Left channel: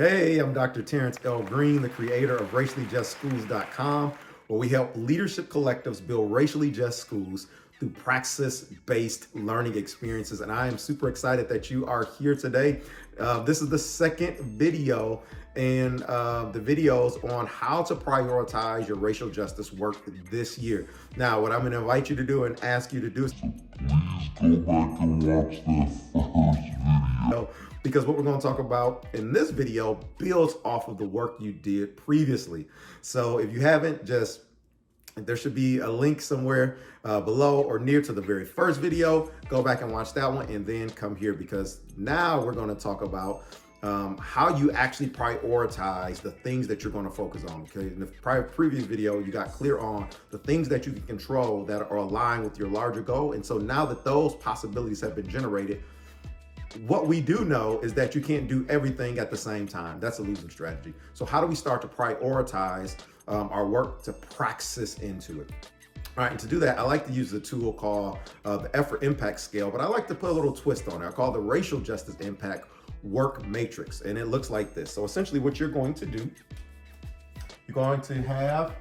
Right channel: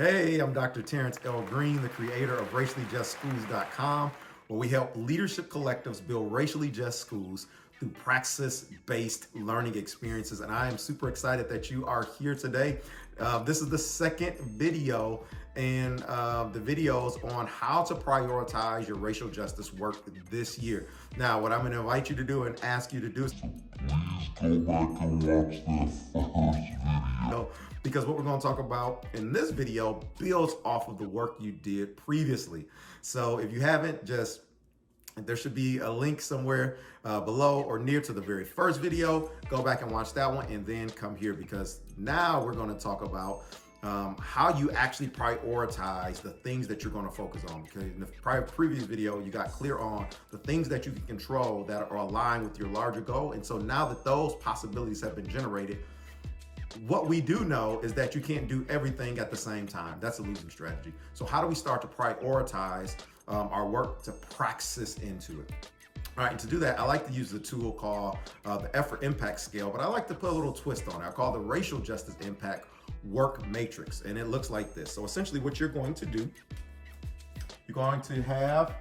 Hey, I'm Dr. Terrance L. Green, the creator of raciallyjustschools.com, where we help leadership collectives build racially just schools through praxis-based learning experiences. And I am super excited that you are here today. This is the second video in the videos on how to prioritize your racial justice work this year. Now, what I'm going to invite you to do and ask you to do is please go back and watch the first video, because what we're going to talk about in this video builds off of the work you did previously. So if you haven't, there should be a link somewhere below or near to the very first video. Go back and watch that one and then come here, because now we're going to talk about how you actually prioritize the things that you're going to focus on. Okay, in the previous video, you got clear on the things that you can control that are aligned with your larger goal. And so now that those possibilities have been generated, what we do know is that you can't do everything at the same time. That's a losing strategy. So how do we start to prioritize our work to praxis into it? All right, and to do that, I like to use a tool called the effort impact scale, but I like to put a little twist on it. I call it the racial justice impact work matrix, and it looks like this. So essentially what you're going to do, you're going to have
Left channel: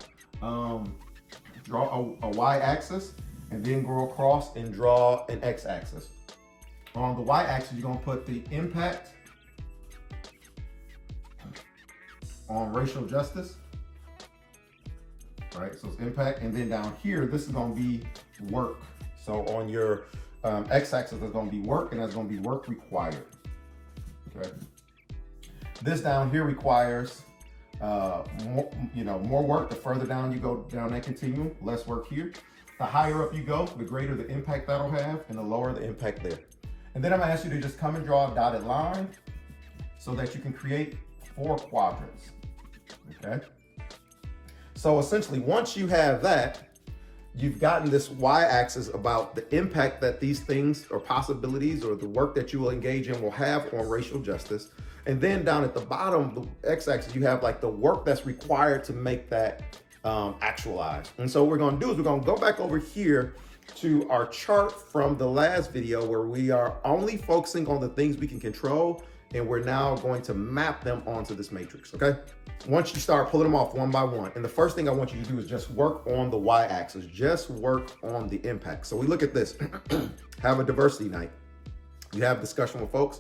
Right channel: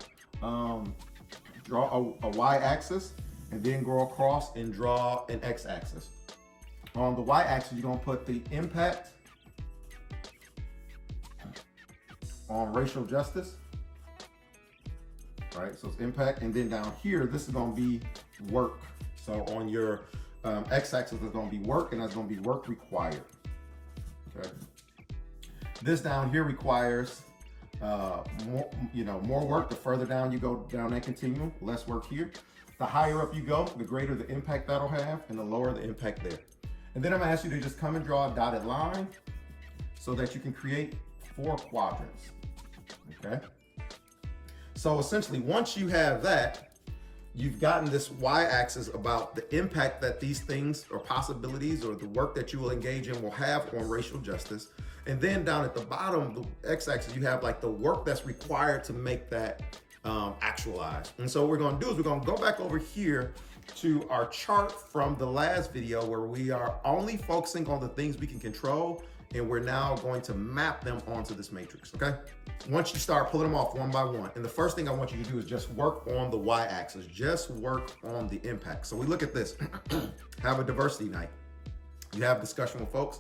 draw a y-axis and then go across and draw an x-axis. On the y-axis, you're going to put the impact on racial justice. All right, so it's impact. And then down here, this is going to be work. So on your x-axis, there's going to be work, and that's going to be work required. Okay. This down here requires more work. The further down you go down that continuum, less work here. The higher up you go, the greater the impact that'll have, and the lower the impact there. And then I'm gonna ask you to just come and draw a dotted line so that you can create 4 quadrants, okay? So essentially, once you have that, you've gotten this y-axis about the impact that these things or possibilities or the work that you will engage in will have on racial justice. And then down at the bottom, the x-axis, you have like the work that's required to make that actualized. And so what we're gonna do is we're gonna go back over here to our chart from the last video, where we are only focusing on the things we can control, and we're now going to map them onto this matrix, okay? Once you start pulling them off one by one, and the first thing I want you to do is just work on the y-axis, just work on the impact. So we look at this, have a diversity night. You have discussion with folks,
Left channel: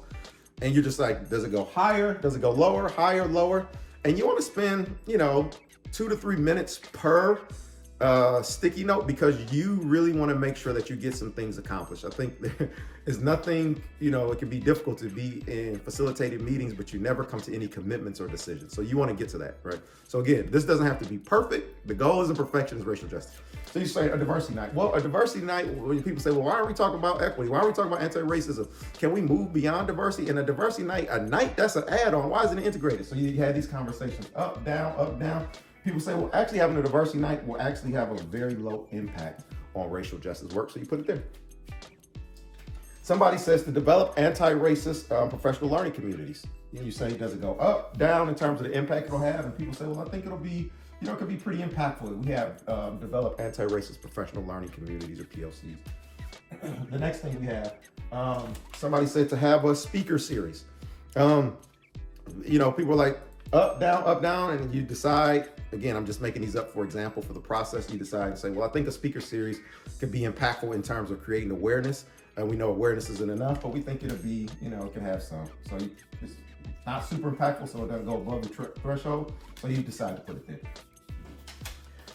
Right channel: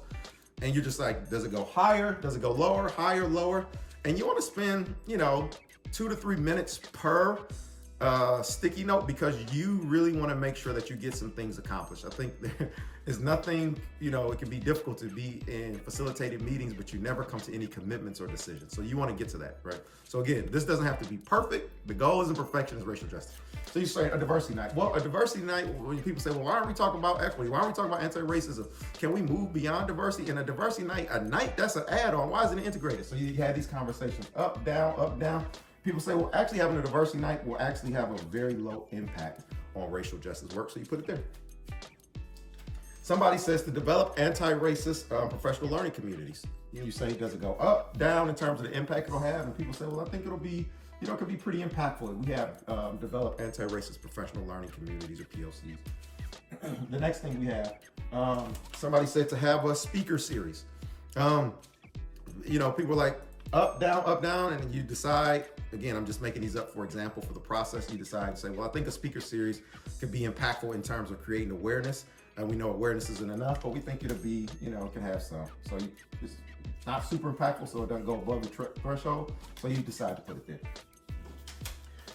and you're just like, does it go higher? Does it go lower, higher, lower? And you wanna spend, 2 to 3 minutes per sticky note, because you really want to make sure that you get some things accomplished. I think there is nothing, it can be difficult to be in facilitated meetings, but you never come to any commitments or decisions. So you want to get to that, right? So again, this doesn't have to be perfect. The goal isn't perfection, it's racial justice. So you say a diversity night. Well, a diversity night, when people say, well, why are we talking about equity? Why are we talking about anti-racism? Can we move beyond diversity? And a diversity night, that's an add-on. Why isn't it integrated? So you had these conversations, up, down, up, down. People say, well, actually having a diversity night will actually have a very low impact on racial justice work, so you put it there. Somebody says to develop anti-racist professional learning communities. And you say, does it go up, down in terms of the impact it'll have? And people say, well, I think it'll be, it could be pretty impactful. We have developed anti-racist professional learning communities, or PLCs. The next thing we have, somebody said to have a speaker series. People are like, up, down, and you decide, again, I'm just making these up for example for the process. You decide and say, well, I think a speaker series could be impactful in terms of creating awareness. And we know awareness isn't enough, but we think it'll be, it can have some. So it's not super impactful, so it doesn't go above the threshold. So you decide to put it there.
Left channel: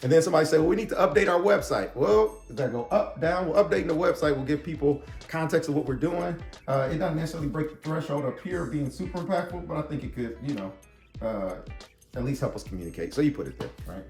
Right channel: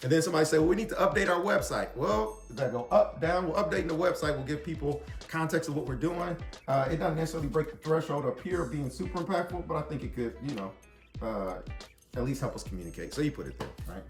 And then somebody said, well, we need to update our website. Well, does that go up, down? Well, updating the website will give people context of what we're doing. It doesn't necessarily break the threshold up here of being super impactful, but I think it could, at least help us communicate. So you put it there, right?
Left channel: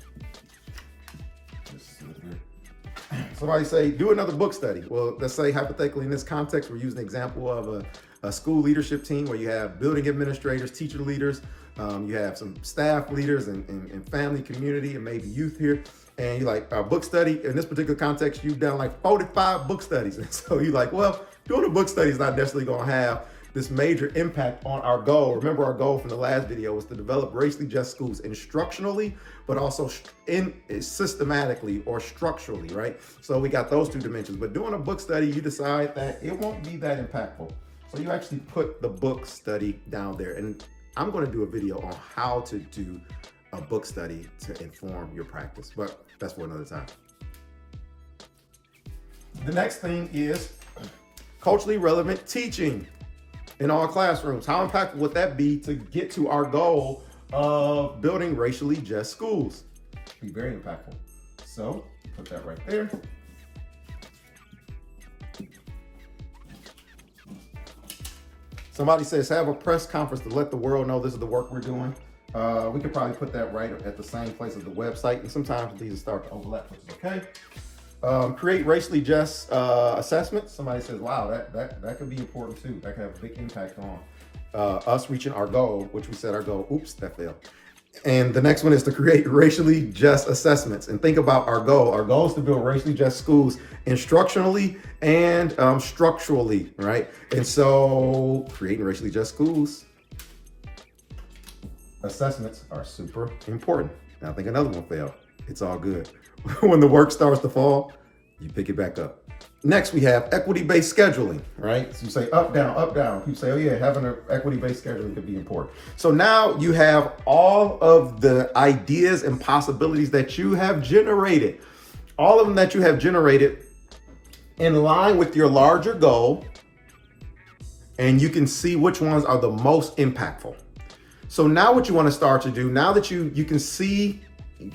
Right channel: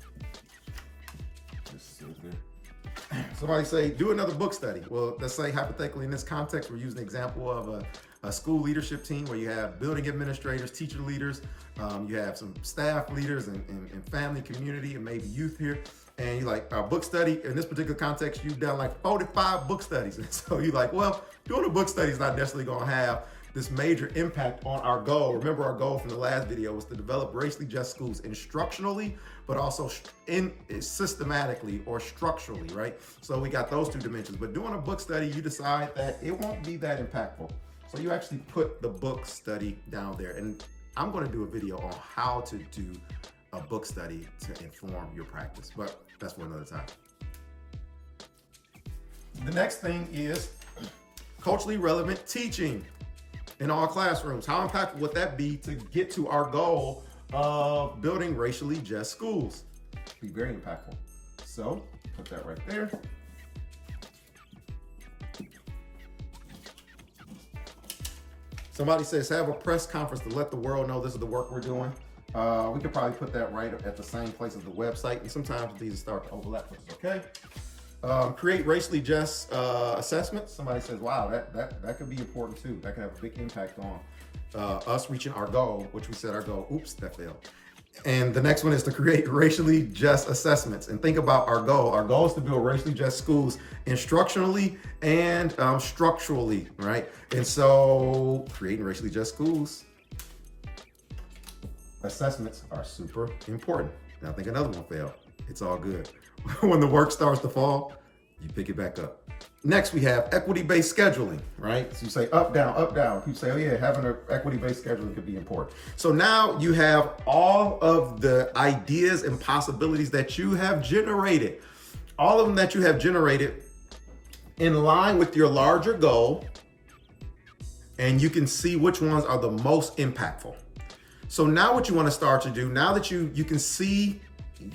Somebody say, do another book study. Well, let's say hypothetically in this context, we're using an example of a school leadership team where you have building administrators, teacher leaders, you have some staff leaders and family, community, and maybe youth here. And you're like, our book study, in this particular context, you've done like 45 book studies. And so you're like, well, doing a book study is not necessarily gonna have this major impact on our goal. Remember, our goal from the last video was to develop racially just schools instructionally, but also systematically or structurally, right? So we got those 2 dimensions. But doing a book study, you decide that it won't be that impactful. So you actually put the book study down there. And I'm going to do a video on how to do a book study to inform your practice, but that's for another time. The next thing is culturally relevant teaching in all classrooms. How impactful would that be to get to our goal of building racially just schools? Be very impactful. So put that right there. Somebody says, have a press conference to let the world know this is the work we're doing. We could probably put that right at the same place as the website, and sometimes these start to overlap, which is okay. Create racially just assessments. Somebody says, wow, that could be important too. That could have a big impact on us reaching our goal, which we set our goal. Oops, that failed. And the next one is to create racially just assessments. And think about our goal. Our goal is to build racially just schools instructionally and structurally, right? And so creating racially just schools, assessments are super important. And I think another one failed. It's all good. When the work starts to fall, you pick it back up. Next, we have equity-based scheduling, right? So you say up, down, up, down. You say, oh yeah, having an equity-based scheduling could be important. So now you have all of the ideas and possibilities that you have generated, all of them that you have generated in line with your larger goal, and you can see which ones are the most impactful. So now what you want to start to do, now that you can see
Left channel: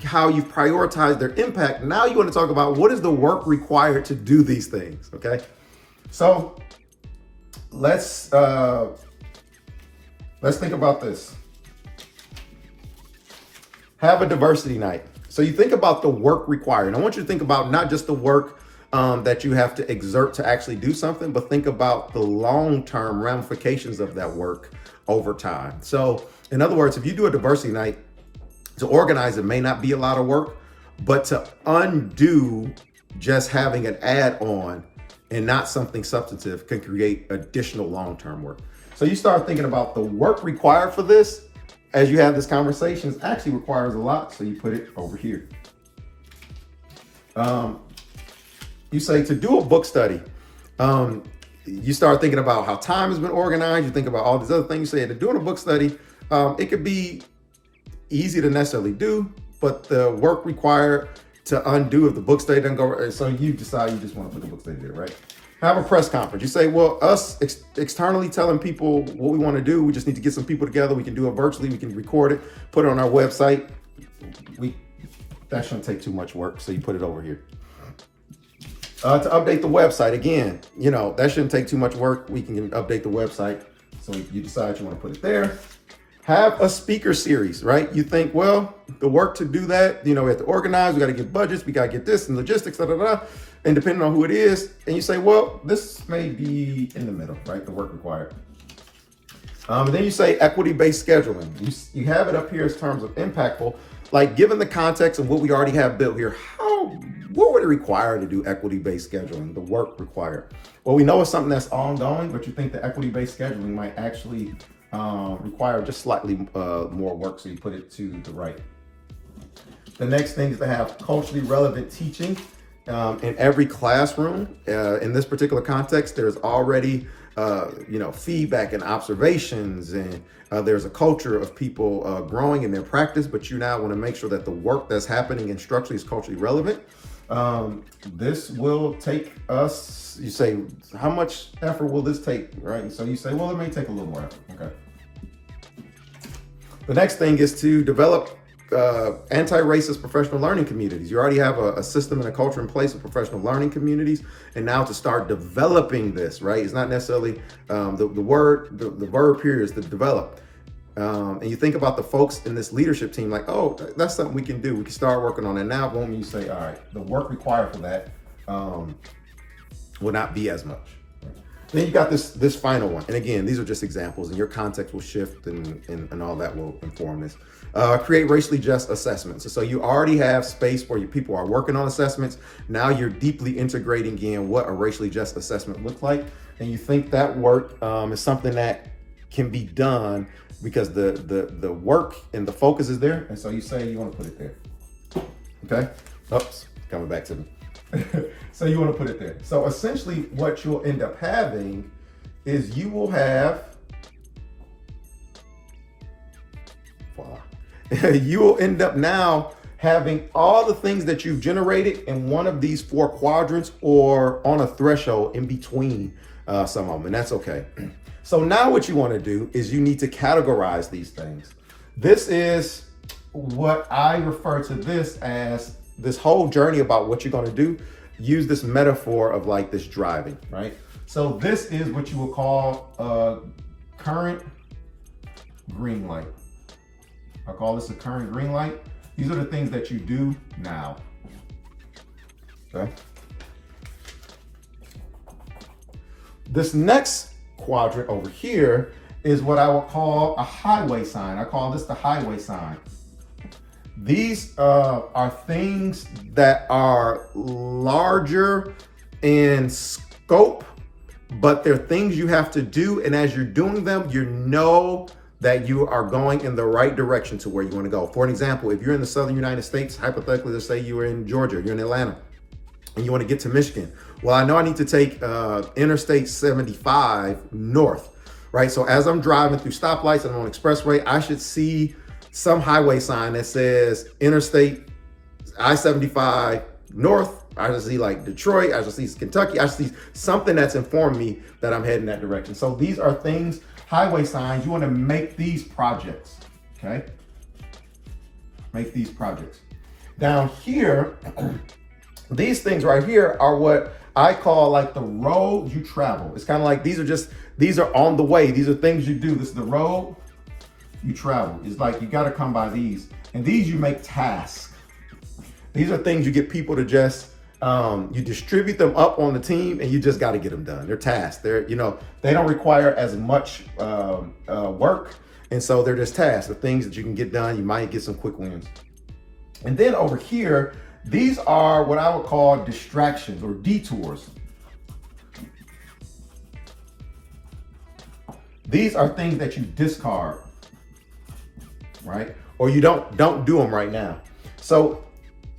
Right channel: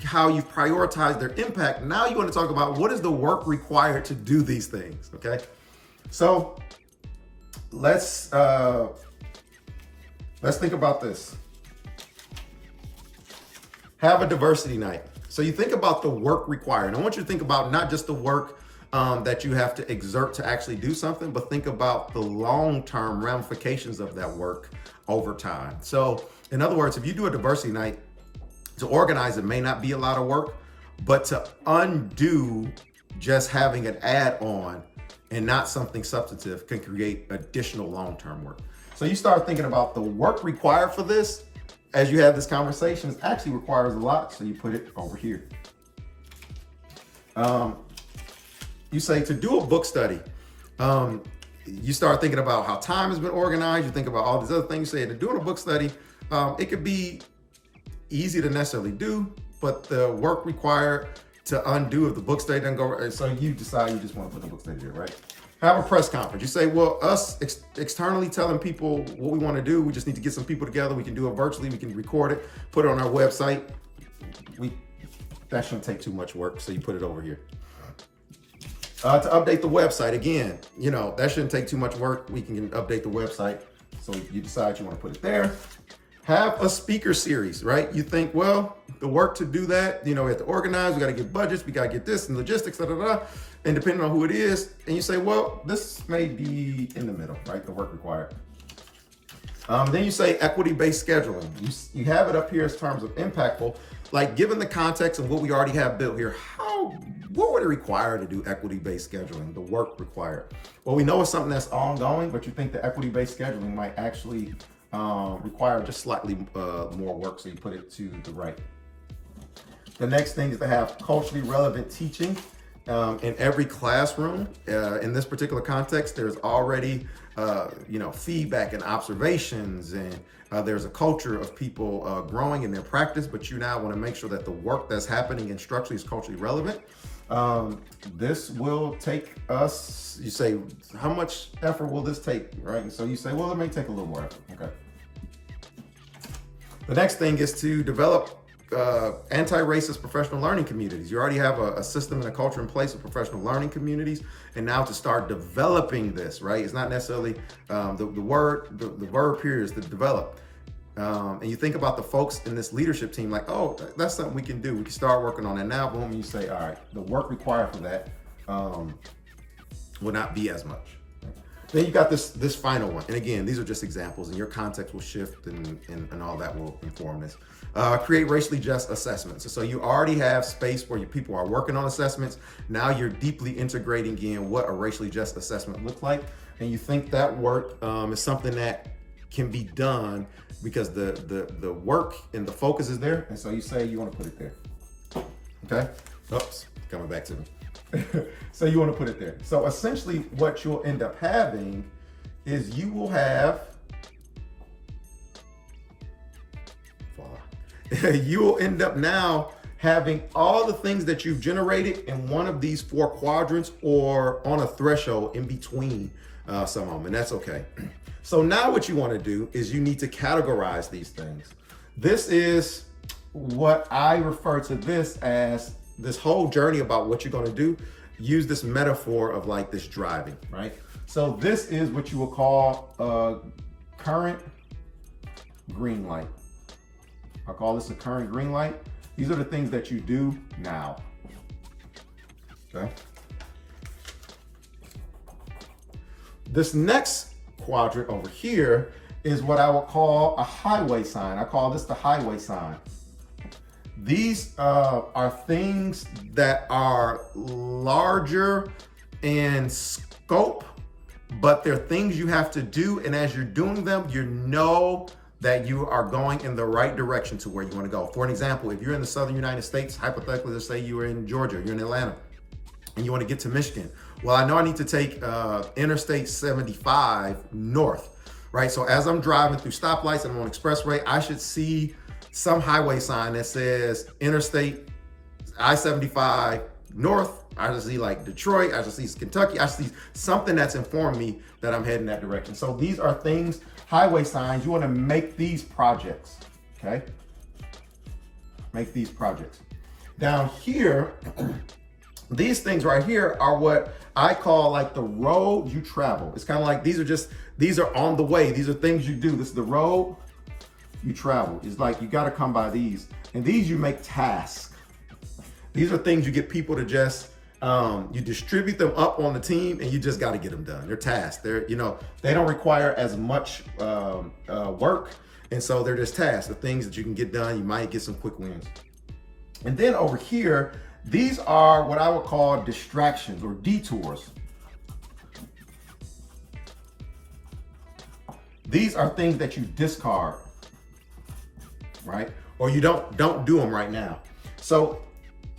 how you've prioritized their impact, now you want to talk about what is the work required to do these things, okay? So let's think about this. Have a diversity night. So you think about the work required. And I want you to think about not just the work that you have to exert to actually do something, but think about the long-term ramifications of that work over time. So in other words, if you do a diversity night, to organize it may not be a lot of work, but to undo just having an add-on and not something substantive can create additional long-term work. So you start thinking about the work required for this as you have this conversation. It actually requires a lot, so you put it over here. You say to do a book study, you start thinking about how time has been organized. You think about all these other things. You say to doing a book study, it could be easy to necessarily do, but the work required to undo if the book study doesn't go, so you decide you just want to put the book study there, right? Have a press conference. You say, well, us externally telling people what we want to do, we just need to get some people together. We can do it virtually. We can record it, put it on our website. That shouldn't take too much work, so you put it over here. To update the website, again, that shouldn't take too much work. We can update the website, so you decide you want to put it there. Have a speaker series, right? You think, well, the work to do that, we have to organize, we got to get budgets, we got to get this and logistics, and depending on who it is, and you say, well, this may be in the middle, right? The work required. Then you say equity-based scheduling. You have it up here as terms of impactful, like given the context of what we already have built here, what would it require to do equity-based scheduling, the work required? Well, we know it's something that's ongoing, but you think the equity-based scheduling might actually require just slightly more work, so you put it to the right. The next thing is to have culturally relevant teaching in every classroom. In this particular context, there's already feedback and observations, and there's a culture of people growing in their practice, but you now want to make sure that the work that's happening instructionally is culturally relevant. This will take us, you say, how much effort will this take, right? And so you say, well, it may take a little more effort, okay? The next thing is to develop anti-racist professional learning communities. You already have a system and a culture in place of professional learning communities, and now to start developing this, right? It's not necessarily the verb here is to develop. And you think about the folks in this leadership team, like, oh, that's something we can do. We can start working on it now. Boom, you say, all right, the work required for that will not be as much. Then you got this final one. And again, these are just examples, and your context will shift and all that will inform this. Create racially just assessments. So you already have space where your people are working on assessments. Now you're deeply integrating in what a racially just assessment looks like. And you think that work is something that can be done because the work and the focus is there. And so you say you want to put it there. Okay? Oops, coming back to me. So you want to put it there. So essentially what you'll end up having is you will have you will end up now having all the things that you've generated in one of these 4 quadrants or on a threshold in between some of them, and that's okay. So now what you want to do is you need to categorize these things. This is what I refer to this as this whole journey about what you're going to do. Use this metaphor of like this driving, right? So this is what you will call a current green light. I call this a current green light. These are the things that you do now. Okay. This next quadrant over here is what I will call a highway sign. I call this the highway sign. These are things that are larger in scope, but they're things you have to do. And as you're doing them, you know that you are going in the right direction to where you want to go. For an example, if you're in the Southern United States, hypothetically, let's say you were in Georgia, you're in Atlanta, and you want to get to Michigan. Well, I know I need to take Interstate 75 north, right? So as I'm driving through stoplights and I'm on expressway, I should see some highway sign that says Interstate I-75 north. I should see like Detroit, I should see Kentucky, I should see something that's informed me that I'm heading that direction. So these are things, highway signs, you want to make these projects, okay? Make these projects. Down here, these things right here are what I call like the road you travel. It's kind of like these are on the way. These are things you do. This is the road you travel. It's like you got to come by these. And these you make tasks. These are things you get people to just, you distribute them up on the team and you just got to get them done. They're tasks. They're, they don't require as much work. And so they're just tasks, the things that you can get done. You might get some quick wins. And then over here, these are what I would call distractions or detours. These are things that you discard, right? Or you don't do them right now. So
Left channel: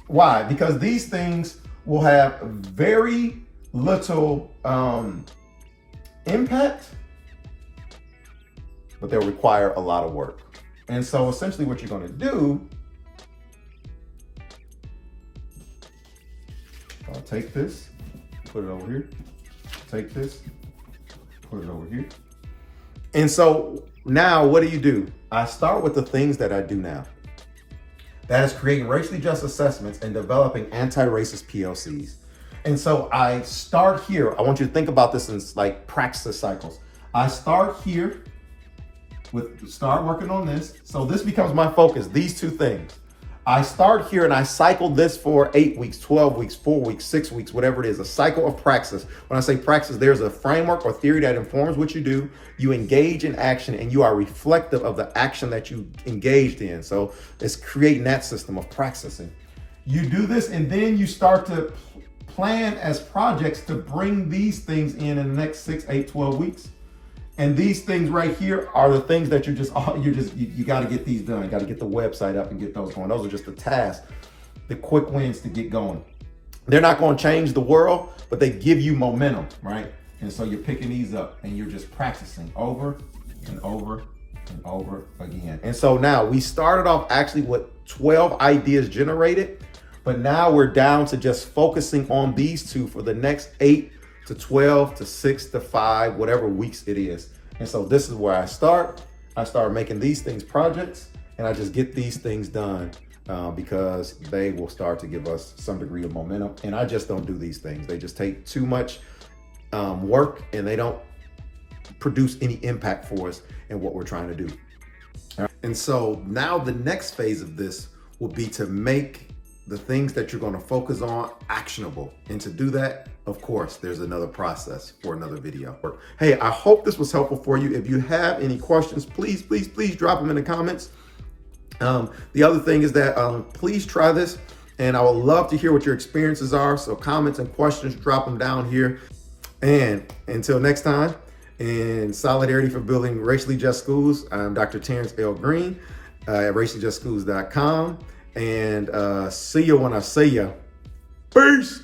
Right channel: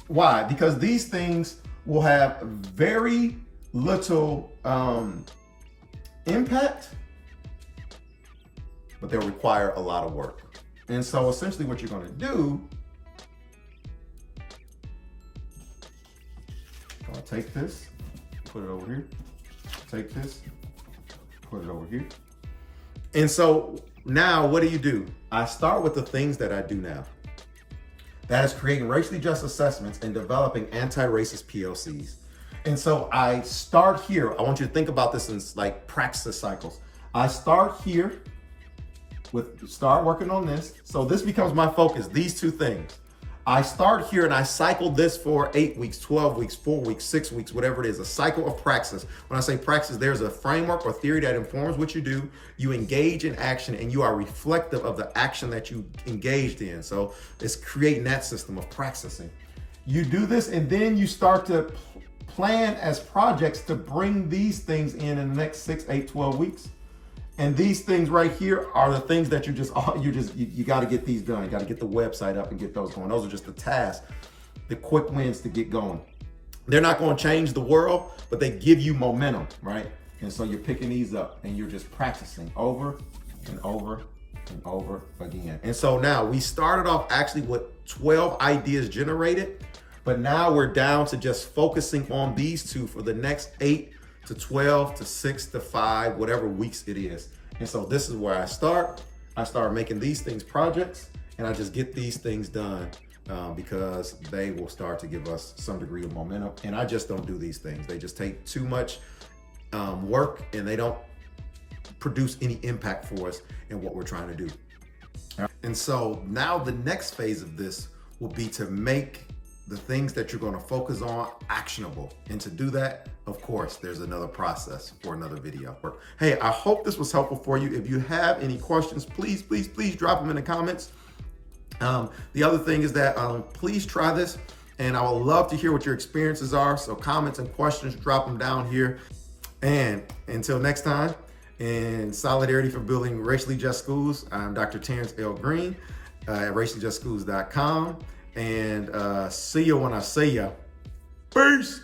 why? Because these things will have very little impact, but they'll require a lot of work. And so essentially what you're going to do, I'll take this, put it over here, take this, put it over here. And so now what do? I start with the things that I do now. That is creating racially just assessments and developing anti-racist PLCs. And so I start here. I want you to think about this in like practice cycles. I start here start working on this. So this becomes my focus, these 2 things. I start here and I cycle this for 8 weeks, 12 weeks, 4 weeks, 6 weeks, whatever it is, a cycle of praxis. When I say praxis, there's a framework or theory that informs what you do. You engage in action and you are reflective of the action that you engaged in. So it's creating that system of praxising. You do this and then you start to plan as projects to bring these things in the next 6, 8, 12 weeks. And these things right here are the things that you got to get these done. You got to get the website up and get those going. Those are just the tasks, the quick wins to get going. They're not going to change the world, but they give you momentum, right? And so you're picking these up and you're just practicing over and over and over again. And so now we started off actually with 12 ideas generated, but now we're down to just focusing on these 2 for the next 8 to 12 to 6 to 5, whatever weeks it is. And so this is where I start. I start making these things projects and I just get these things done because they will start to give us some degree of momentum. And I just don't do these things. They just take too much work and they don't produce any impact for us in what we're trying to do. And so now the next phase of this will be to make the things that you're going to focus on actionable. And to do that, of course, there's another process for another video. Hey, I hope this was helpful for you. If you have any questions, please drop them in the comments. The other thing is that please try this and I would love to hear what your experiences are. So comments and questions, drop them down here. And until next time, in solidarity for building racially just schools, I'm Dr. Terrance L. Green at raciallyjustschools.com. And see you when I see you. Peace.